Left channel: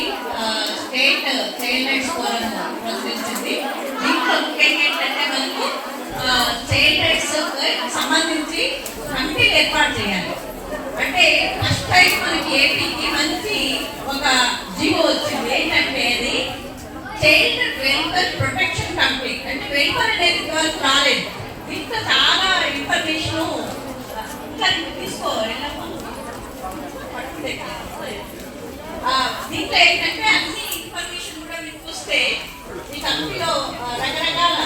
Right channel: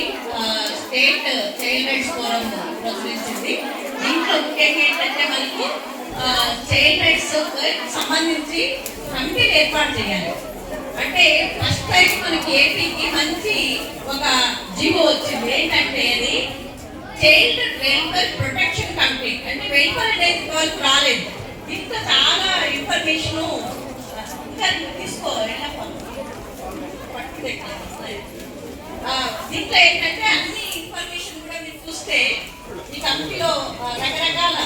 Crop state child forum ప్రచురించింది. దీంట్లో ముఖ్యంగా ఏంటంటే మనకు చైల్డ్ రైట్స్ సంబంధించి కమిటీలు ఏర్పాటు చేయాలి. అంటే ఫస్ట్ టైం మనకి ఏపీకి మంచి ఒక జీవో వచ్చింది. ఏంటంటే అది చైల్డ్ వెల్ఫేర్ ప్రొటెక్షన్ కమిటీ. అంటే వెల్ఫేర్ అనేది ఇంతవరకు రాలేదు. దీంట్లో చాలా ఇన్ఫర్మేషన్ ఇంకా తీసుకోవాలి పట్టుకుంటే దీంట్లో ఏంటంటే అన్ని ఇన్ఫర్మేషన్ కూడా మీరు చూస్తే ఈ కమిటీలో రకరకాల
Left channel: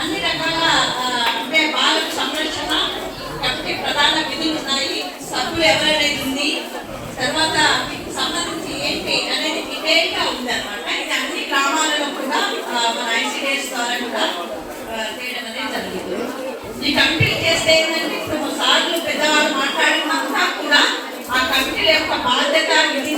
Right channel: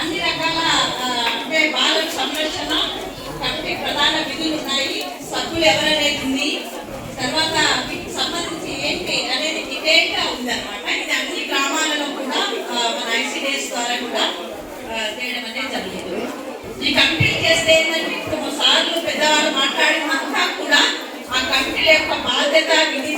అన్ని రకాల అంటే బాలల సంరక్షణ కమిటీ ప్రధాన విధులు ఉన్నాయి. సభ్యులు ఎవరనేది ఉంది. తర్వాత వీటికి సంబంధించి ఏంటి అనేది డీటెయిల్గా ఇది అన్ని గ్రామాలలో కూడా ఆ, మన ఐసిడిఎస్ ద్వారా కూడా చేయడం అనేది జరిగింది. ఈ కమిటీలు చేస్తే ఏంటంటే ఇప్పుడు సార్లు పెద్దవాళ్ళు మాట్లాడినంతా కూడా ఆ కమిటీల యొక్క బాధ్యత విధి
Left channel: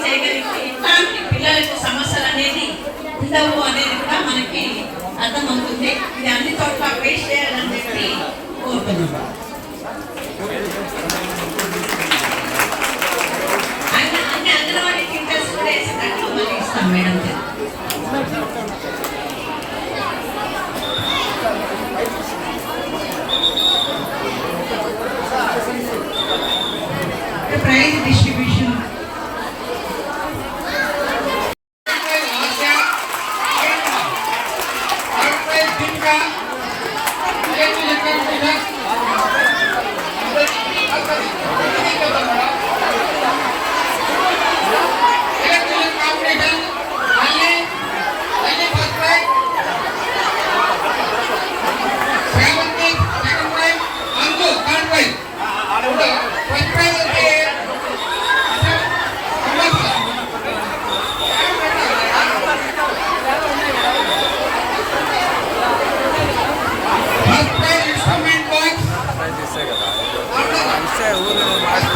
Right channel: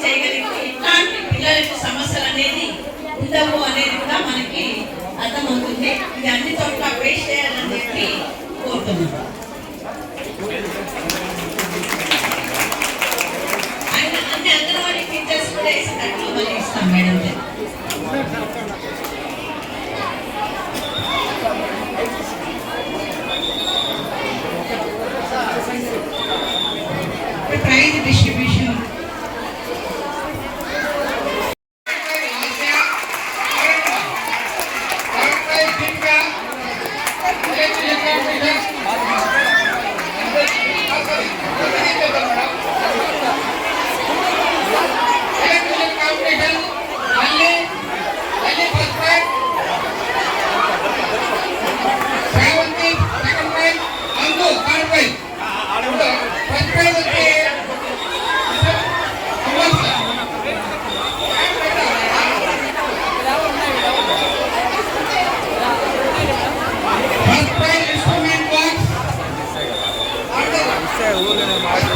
ಸಮಸ್ಯೆ ಊರಿನ ಮಾಡಿ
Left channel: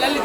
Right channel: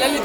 లల్లి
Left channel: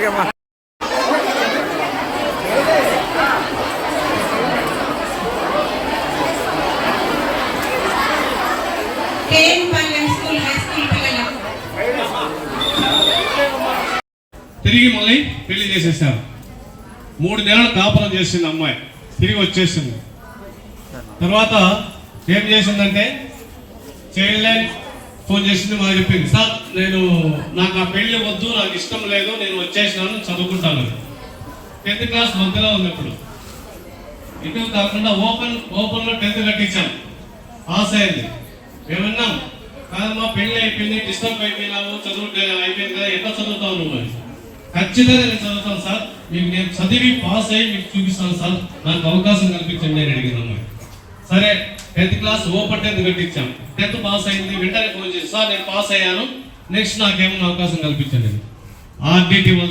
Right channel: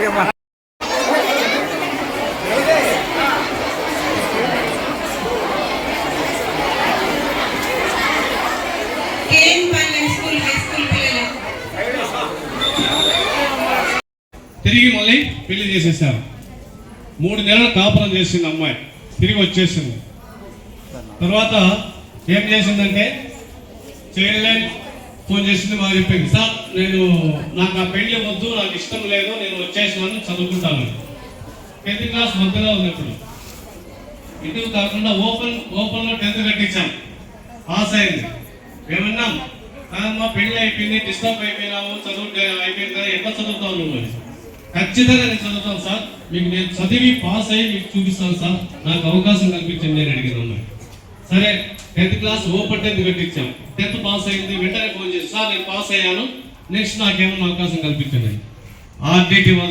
ఓకేమ్మా. తిరిగి మళ్ళీ పెళ్ళి చేసేసారు. మూడు నెలలు కాపురం చేసింది అమ్మాయి. తిరిగి వచ్చేసింది. తర్వాత ఏం చేసిందంటే చైల్డ్ లైన్ ఫోన్ చేసింది మా చెప్పింది సార్ నేను నాకు ఆ పెళ్ళి వద్దు నాకు ఇష్టం లేదు నేను వచ్చేసినాను చదువుకుంటాను. టెన్త్ క్లాస్ మధ్యలో ఉంది ఇప్పుడు. ఇటు కాకుండా ఓపెన్ ఓపెన్లో టెన్త్ కట్టించాను. పాస్ అయింది. ఏమన్నాం కాదమ్మా పెళ్ళి అయిపోయింది డిస్టర్బ్ అయిపోయినాము చదువు అయిపోయింది కదా ఎట్లా చదువుతావు నువ్వు? ఖచ్చితంగా నేను చదువుతాను సార్ మీకు నేను చదివి పాస్ అయ్యి మీకు చూపిస్తాను సార్. నాకు అవకాశం కల్పించండి నేను అడిగిన సరే టెన్త్ క్లాస్ ఓపెన్ టెన్త్ పెట్టించాం. టెన్త్ పాస్ అయింది వెంటనే ఫోన్ చేసి సార్ నేను పాస్ అయ్యాను. నెక్స్ట్ నాకేమైనా అవకాశం కల్పించండి. ఆర్డిటి వల్ల